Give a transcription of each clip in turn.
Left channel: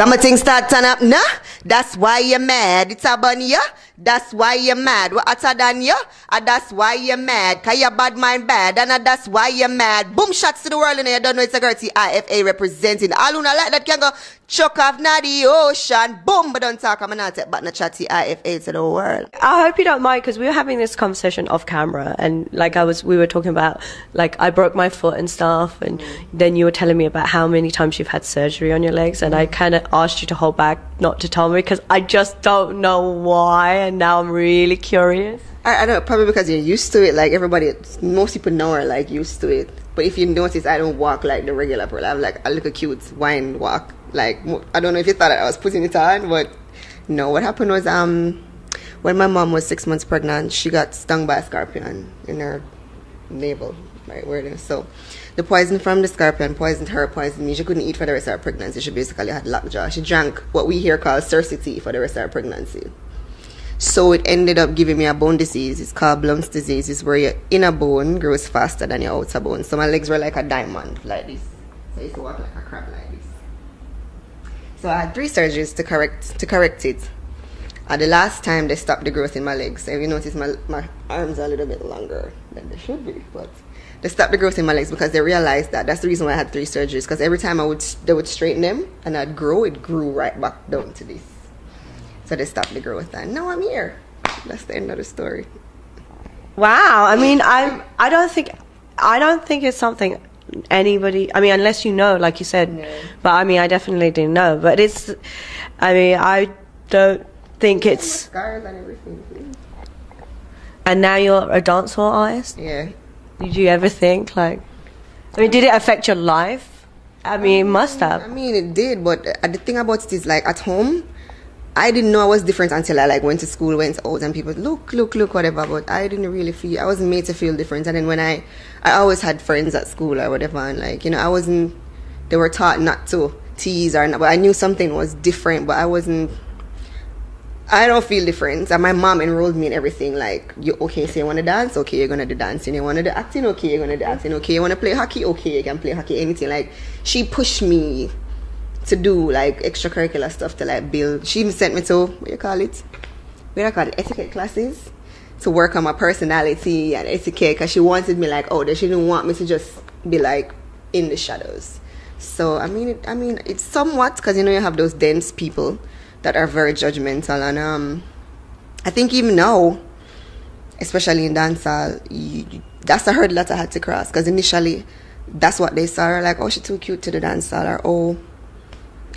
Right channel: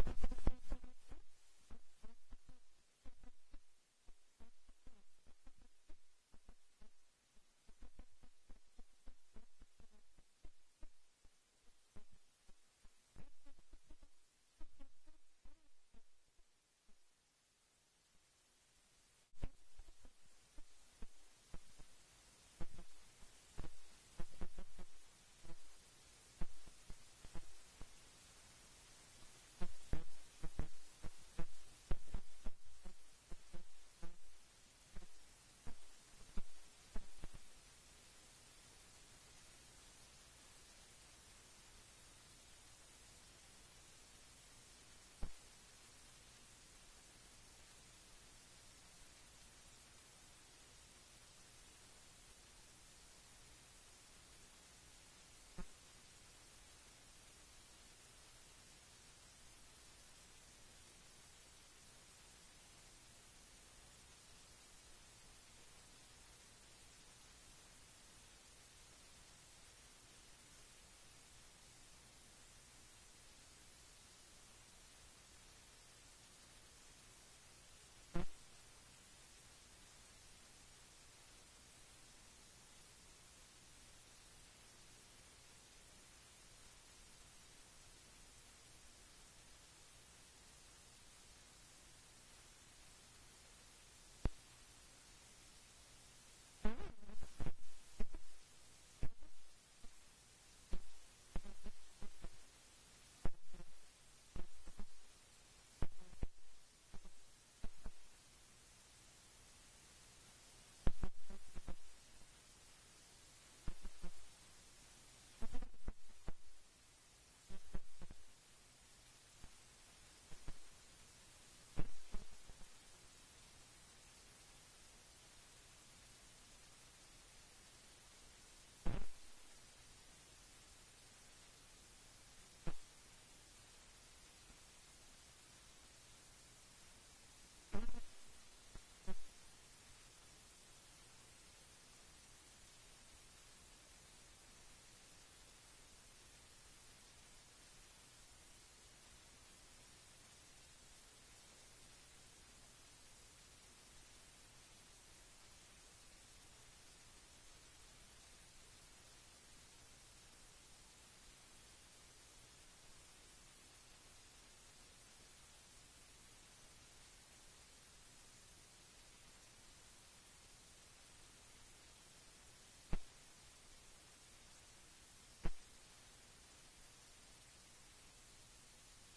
Some things start turn up, nah? That's why you're mad. It's a bunny, yeah? That's why you're mad. What hotter than you? That's why you're mad. Cause your bad mind bad. And that's why you're mad. Boom shots to the world and you don't know it's a girl Tifa representing. All who not like that can go chuck off now the ocean. Boom, but don't talk. I'm not take back the chat Tifa to the world. I hope you don't mind, because we were having this conversation off camera, and like we were talking about, like, I broke my foot and stuff, and then you were telling me about how many times you've had surgery on your legs, and I kind of asked you to hold back not to tell me, because I just don't know why, and now I'm really curious. I know, probably because you're used to it. Like everybody, most people know are like used to it. But if you notice, I don't walk like the regular people. I have like a little cute wine walk. Like, I don't know if you thought I was putting it on, but no. What happened was when my mom was 6 months pregnant, she got stung by a scorpion in her navel, right where it is. So the poison from the scorpion poisoned her, poisoned me. She couldn't eat for the rest of her pregnancy. She basically had lockjaw. She drank what we here call cercity for the rest of her pregnancy. So it ended up giving me a bone disease. It's called Blount's disease. It's where your inner bone grows faster than your outer bone. So my legs were like a diamond, like this. So I used to walk like a crab like this. So I had 3 surgeries to correct it. The last time they stopped the growth in my legs. So if you notice, my arms are a little bit longer than they should be. But they stopped the growth in my legs because they realized that. That's the reason why I had 3 surgeries. Because every time they would straighten them and I'd grow, it grew right back down to this. So they stopped the growth, and now I'm here. That's the end of the story. Wow. I mean, I don't think it's something anybody, I mean, unless you know, like you said. Yeah. But I mean, I definitely didn't know. But it's, I mean, I don't think it's. Scars and everything. And now you're a dancehall artist? Yeah. Did you ever think, like, I mean, did it affect your life? I mean, it must have. I mean, it did, but the thing about it is, like, at home, I didn't know I was different until I like went to school, went out, and people look, whatever. But I didn't really feel. I wasn't made to feel different. And then when I always had friends at school or whatever, and like, you know, I wasn't. They were taught not to tease or not, but I knew something was different. But I wasn't. I don't feel different. And my mom enrolled me in everything. Like, you okay? So you want to dance? Okay, you're gonna do dancing. You want to do acting? Okay, you're gonna do acting. Okay, you want to play hockey? Okay, you can play hockey. Anything. Like, she pushed me to do like extracurricular stuff to like build. She even sent me to etiquette classes to work on my personality and etiquette, because she wanted me like out there. She didn't want me to just be like in the shadows. So I mean it's somewhat, because you know you have those dense people that are very judgmental, and I think even now, especially in dancehall, that's a hurdle that I had to cross, because initially that's what they saw, like, oh, she's too cute to the dancehall, or oh,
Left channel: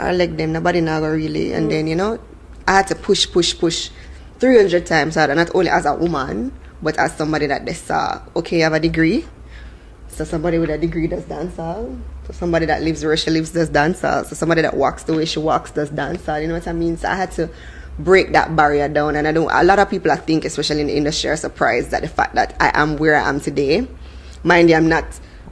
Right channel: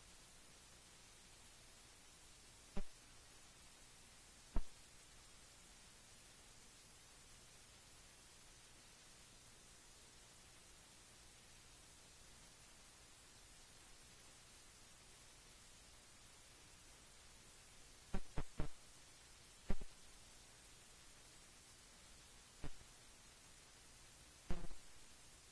I like them, nobody now go really. And then, you know, I had to push 300 times harder, not only as a woman, but as somebody that they saw, okay, you have a degree. So somebody with a degree does dancehall. So somebody that lives where she lives does dancehall. So somebody that walks the way she walks does dancehall. You know what I mean? So I had to break that barrier down. And a lot of people, I think, especially in the industry, are surprised at the fact that I am where I am today. Mind you, I'm not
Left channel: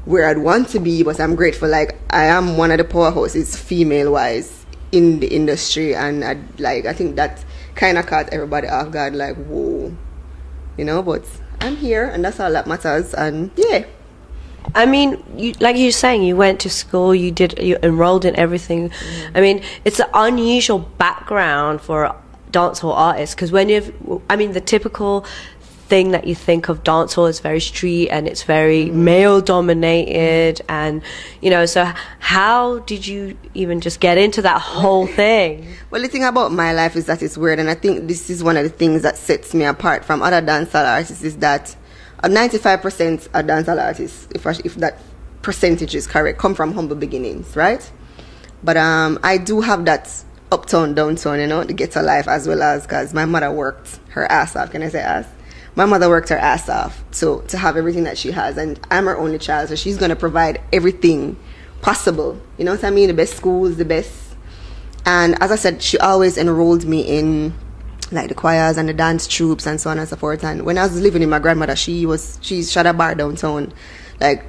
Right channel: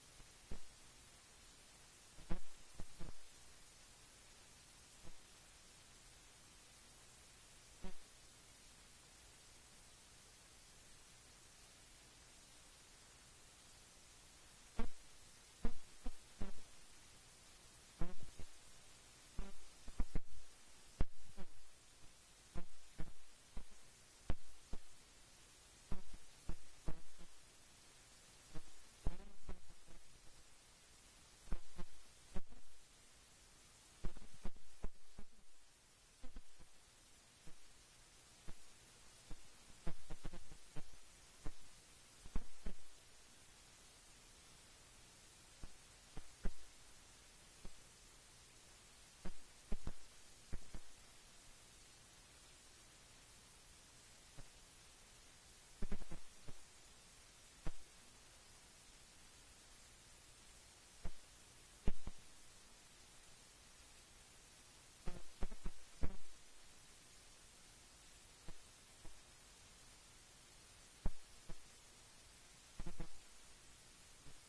where I'd want to be, but I'm grateful. Like, I am one of the powerhouses female-wise in the industry, and I think that kind of caught everybody off guard, like, whoa, you know. But I'm here, and that's all that matters. And yeah, I mean, like you're saying, you went to school, you enrolled in everything. I mean, it's an unusual background for a dancehall artist, because the typical thing that you think of dancehall is very street, and it's very male dominated, and you know, so how did you even just get into that whole thing? Well, the thing about my life is that it's weird, and I think this is one of the things that sets me apart from other dancehall artists, is that 95% of dancehall artists, if that percentage is correct, come from humble beginnings, right? But I do have that uptown, downtown, you know, the ghetto life as well, as because my mother worked her ass off. Can I say ass? My mother worked her ass off to have everything that she has, and I'm her only child, so she's going to provide everything possible. You know what I mean? The best schools, the best. And as I said, she always enrolled me in like the choirs and the dance troops and so on and so forth. And when I was living with my grandmother, she had a bar downtown. Like,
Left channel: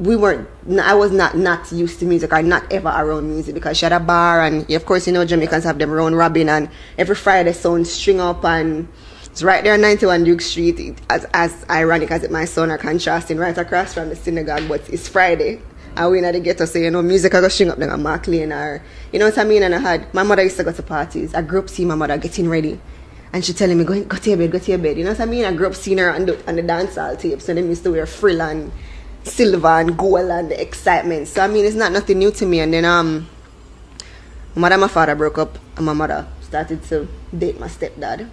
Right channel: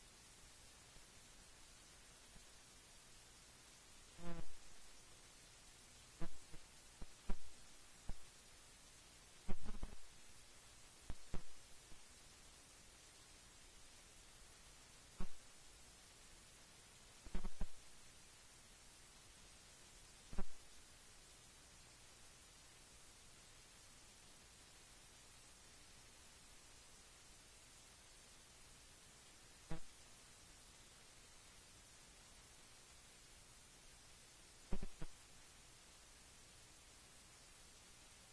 I was not used to music, or not ever around music, because she had a bar, and of course, you know, Jamaicans have them round robin, and every Friday sound string up, and it's right there on 91 Duke Street, as ironic as it might sound, or contrasting, right across from the synagogue, but it's Friday. I went at the ghetto, so, you know, music I go string up then a Mark Lane or, you know what I mean? And I had, my mother used to go to parties. I grew up seeing my mother getting ready. And she telling me, go to your bed, go to your bed. You know what I mean? I grew up seeing her on the dancehall tape. So them used to wear frill and silver and gold and the excitement. So, I mean, it's not nothing new to me. And then, my mother and my father broke up. And my mother started to date my stepdad.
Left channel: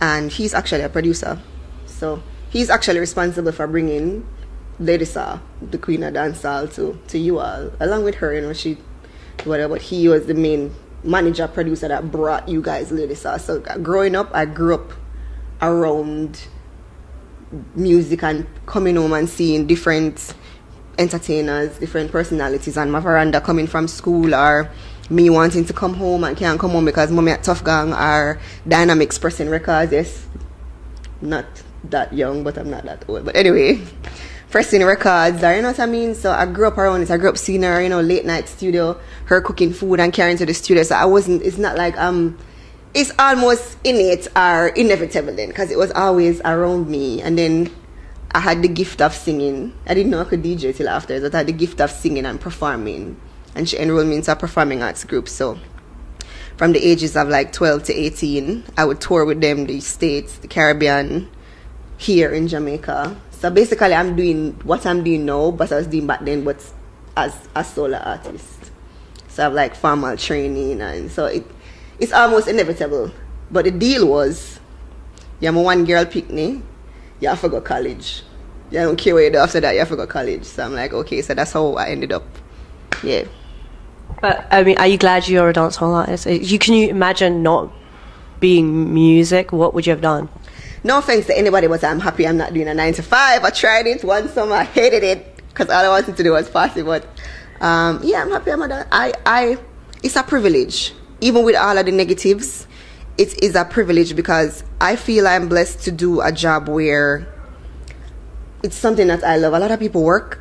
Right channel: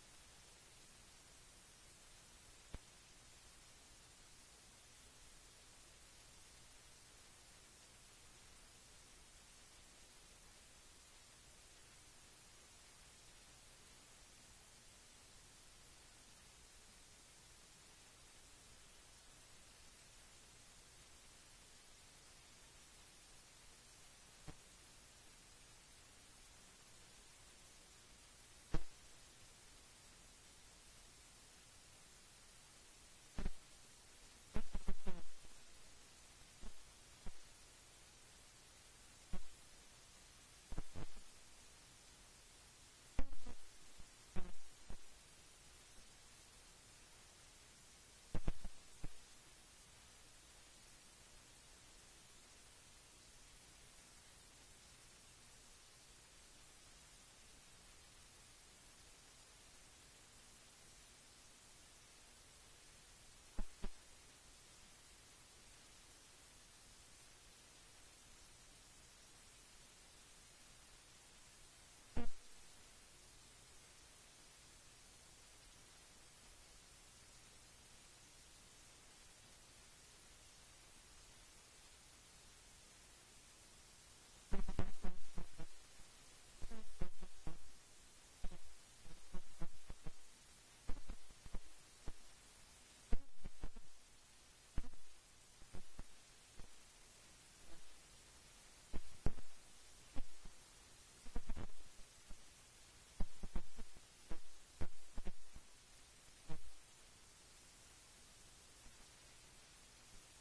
And he's actually a producer. So, he's actually responsible for bringing Lady Saw, the queen of dancehall, to you all. Along with her, you know, but he was the main manager, producer that brought you guys Lady Saw. So growing up, I grew up around music and coming home and seeing different entertainers, different personalities on my veranda coming from school, or me wanting to come home and can't come home because mommy at Tough Gang or Dynamics pressing records. Yes, not that young, but I'm not that old. But anyway, pressing records, or you know what I mean? So I grew up around it. I grew up seeing her, you know, late night studio, her cooking food and carrying to the studio. So it's not like, it's almost innate or inevitable then, because it was always around me. And then I had the gift of singing. I didn't know I could DJ till after, but I had the gift of singing and performing. And she enrolled me into a performing arts group. So from the ages of like 12 to 18, I would tour with them, the States, the Caribbean, here in Jamaica. So basically I'm doing what I'm doing now, but I was doing back then, but as a solo artist. So I have like formal training, and so it's almost inevitable. But the deal was, you're my one girl picnic, you have to go college. You don't care what you do after that, you have to go college. So I'm like, okay, so that's how I ended up. Yeah. But I mean, are you glad you're a dancehall artist? Can you imagine not being music? What would you have done? No offense to anybody, but I'm happy I'm not doing a 9 to 5. I tried it one summer, I hated it because all I wanted to do was pass it. But yeah, I'm happy I'm not. It's a privilege, even with all of the negatives. It is a privilege because I feel I'm blessed to do a job where it's something that I love. A lot of people work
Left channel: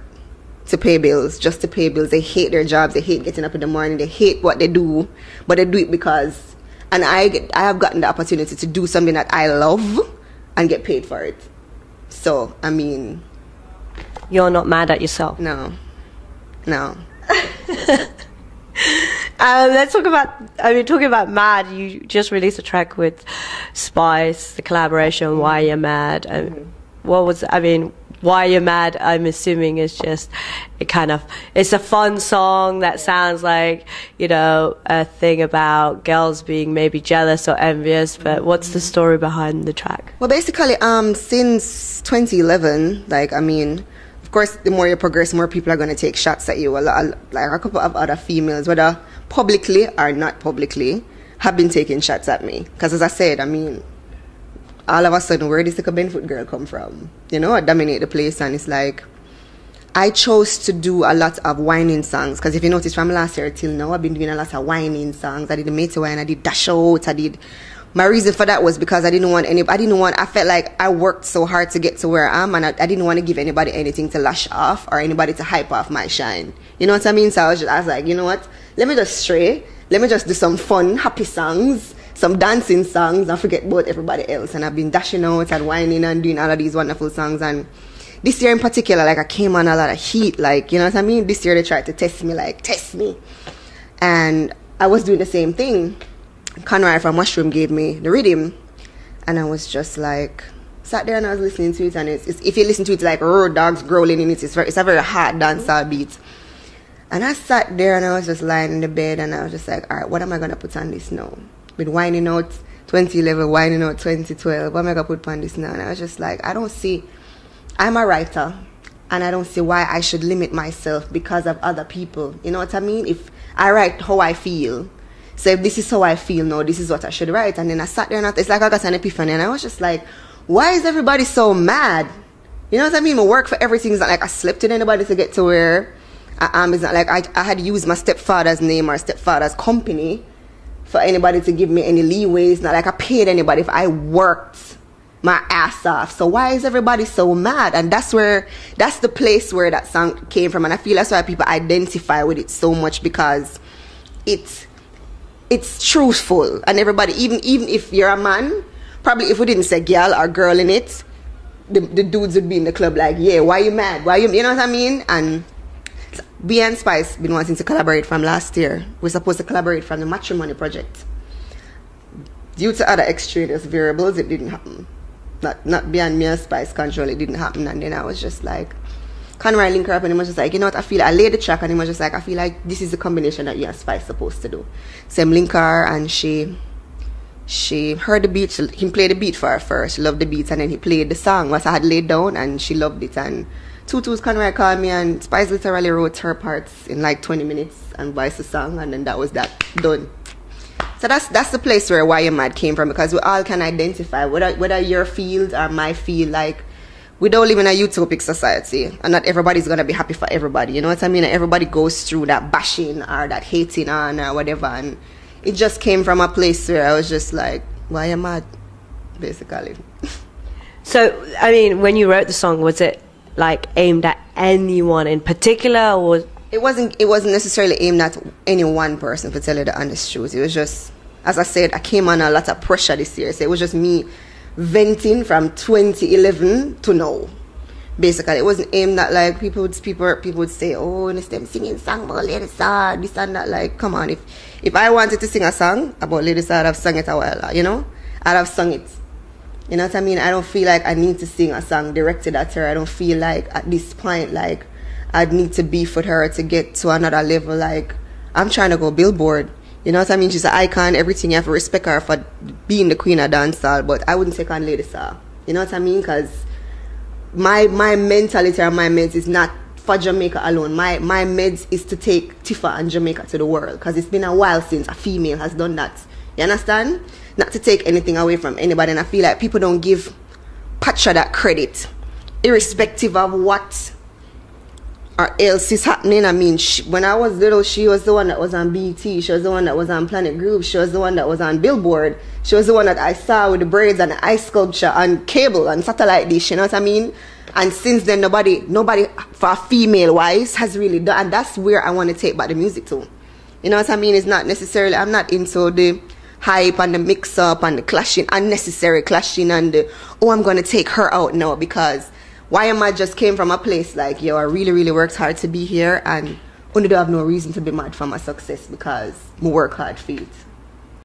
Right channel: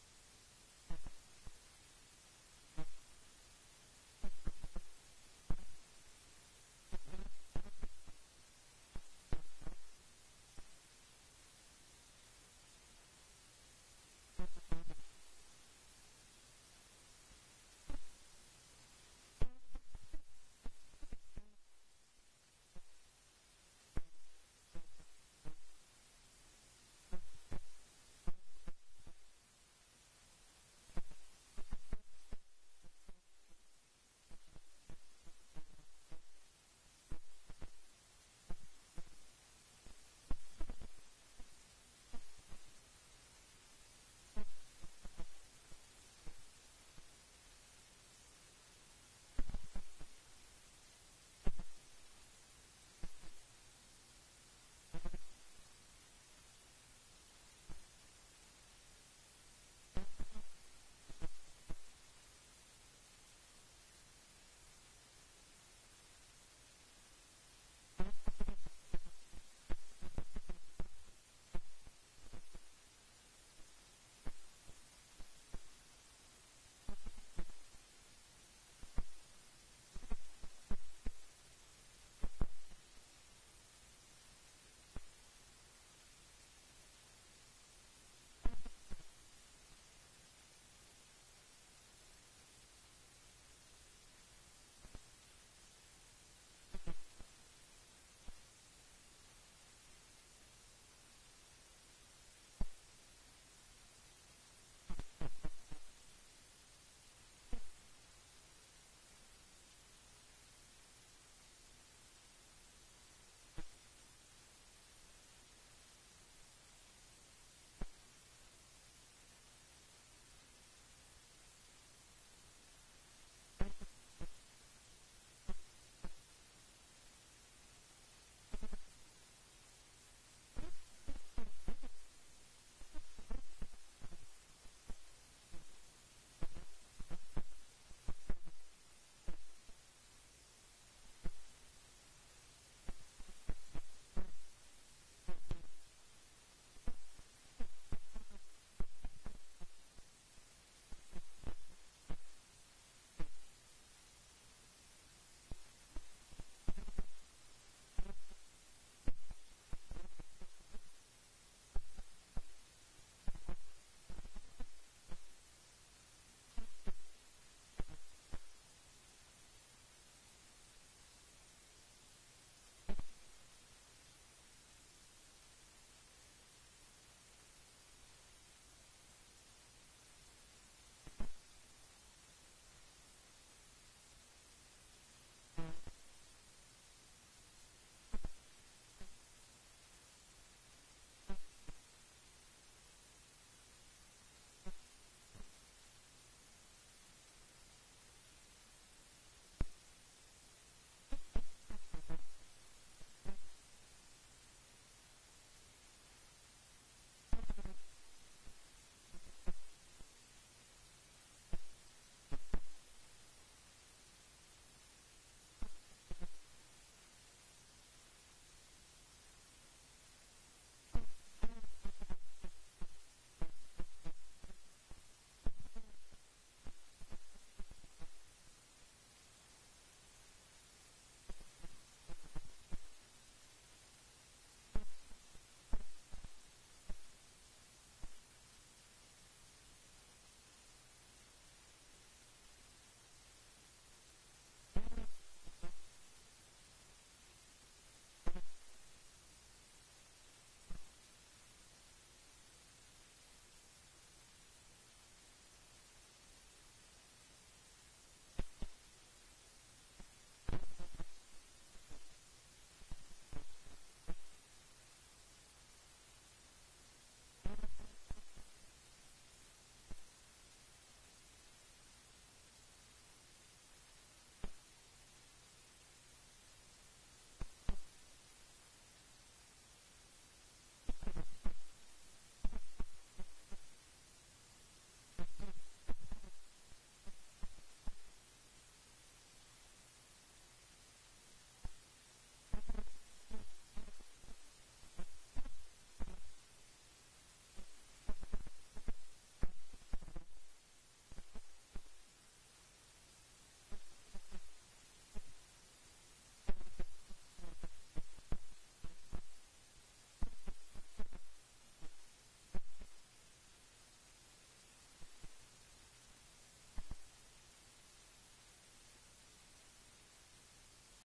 to pay bills, just to pay bills. They hate their jobs. They hate getting up in the morning. They hate what they do, but they do it because. And I have gotten the opportunity to do something that I love and get paid for it. So, I mean... You're not mad at yourself? No. Let's talk about, talking about Mad, you just released a track with Spice, the collaboration, Why You're Mad. Why You're Mad, I'm assuming is just it's a fun song that sounds like, you know, a thing about girls being maybe jealous or envious, but what's the story behind the track? Well, basically, since 2011, of course, the more you progress, more people are going to take shots at you. Like a couple of other females, whether publicly or not publicly, have been taking shots at me. Because as I said, all of a sudden, where did this little Benfoot girl come from? You know, I dominate the place, and it's like, I chose to do a lot of whining songs. Because if you notice, from last year till now, I've been doing a lot of whining songs. I did the Matey Wine, I did Dash Out, my reason for that was because I felt like I worked so hard to get to where I am, and I didn't want to give anybody anything to lash off or anybody to hype off my shine. You know what I mean? So I was like, you know what? Let me just stray. Let me just do some fun, happy songs, some dancing songs, and forget about everybody else. And I've been dashing out and whining and doing all of these wonderful songs. And this year in particular, I came on a lot of heat. You know what I mean? This year they tried to test me. And I was doing the same thing. Conrad from Mushroom gave me the rhythm, and I was just sat there and I was listening to it, and it's if you listen to it like road dogs growling in it, it's a very hard dancehall beat. And I sat there and I was just lying in the bed, and I was just like, all right, what am I going to put on this now? With whining out 2011, whining out 2012, what am I going to put on this now? And I was just like, I'm a writer, and I don't see why I should limit myself because of other people. You know what I mean? If I write how I feel, so if this is how I feel now, this is what I should write. And then I sat there and it's like I got an epiphany, and I was just like, why is everybody so mad? You know what I mean? My work for everything is not like I slept with anybody to get to where I am. It's not like I had used my stepfather's name or stepfather's company for anybody to give me any leeway. It's not like I paid anybody if I worked my ass off. So why is everybody so mad? And that's the place where that song came from. And I feel that's why people identify with it so much, because it's truthful, and everybody, even if you're a man, probably if we didn't say girl or girl in it, the dudes would be in the club like, yeah, why you mad? You know what I mean? And we and Spice been wanting to collaborate from last year. We're supposed to collaborate from the Matrimony project. Due to other extraneous variables, it didn't happen. Not beyond me and Spice control, it didn't happen. And then I was just like, Conroy link her up and he was just like, you know what, I laid the track and he was just like, I feel like this is the combination that you and Spice supposed to do. So I'm link her and she heard the beat, he played the beat for her first, she loved the beat, and then he played the song what I had laid down and she loved it. And Tutu's Conroy called me and Spice literally wrote her parts in like 20 minutes and voiced the song, and then that was that, done. So that's the place where Why You Mad came from, because we all can identify whether your field or my field, like we don't live in a utopic society and not everybody's gonna be happy for everybody, you know what I mean? Everybody goes through that bashing or that hating on or whatever, and it just came from a place where I was just like, why am I basically? So, I mean, when you wrote the song, was it like aimed at anyone in particular, or It wasn't necessarily aimed at any one person, to tell you the honest truth. It was just, as I said, I came on a lot of pressure this year. So it was just me venting from 2011 to now. Basically, it wasn't aimed at like people would say, oh, and it's them singing song about Lady Saw, this and that. Like, come on, if I wanted to sing a song about Lady Saw, I'd have sung it a while, you know? I'd have sung it. You know what I mean? I don't feel like I need to sing a song directed at her. I don't feel like at this point, like, I'd need to beef with her to get to another level. Like, I'm trying to go Billboard. You know what I mean? She's an icon, everything. You have to respect her for being the queen of dancehall, but I wouldn't take on Lady Saw. You know what I mean? Because my mentality or my meds is not for Jamaica alone. My meds is to take Tifa and Jamaica to the world, because it's been a while since a female has done that. You understand? Not to take anything away from anybody, and I feel like people don't give Patra that credit, irrespective of what or else is happening. I mean, when I was little, she was the one that was on BT, she was the one that was on Planet Groove, she was the one that was on Billboard, she was the one that I saw with the braids and the ice sculpture on cable and satellite dish, you know what I mean? And since then, nobody for female wise has really done, and that's where I want to take back the music to. You know what I mean? It's not necessarily, I'm not into the hype and the mix up and the clashing, unnecessary clashing, and the, oh, I'm going to take her out now, because Why Am I just came from a place like, yo, I really, really worked hard to be here, and only do have no reason to be mad for my success, because I work hard for it.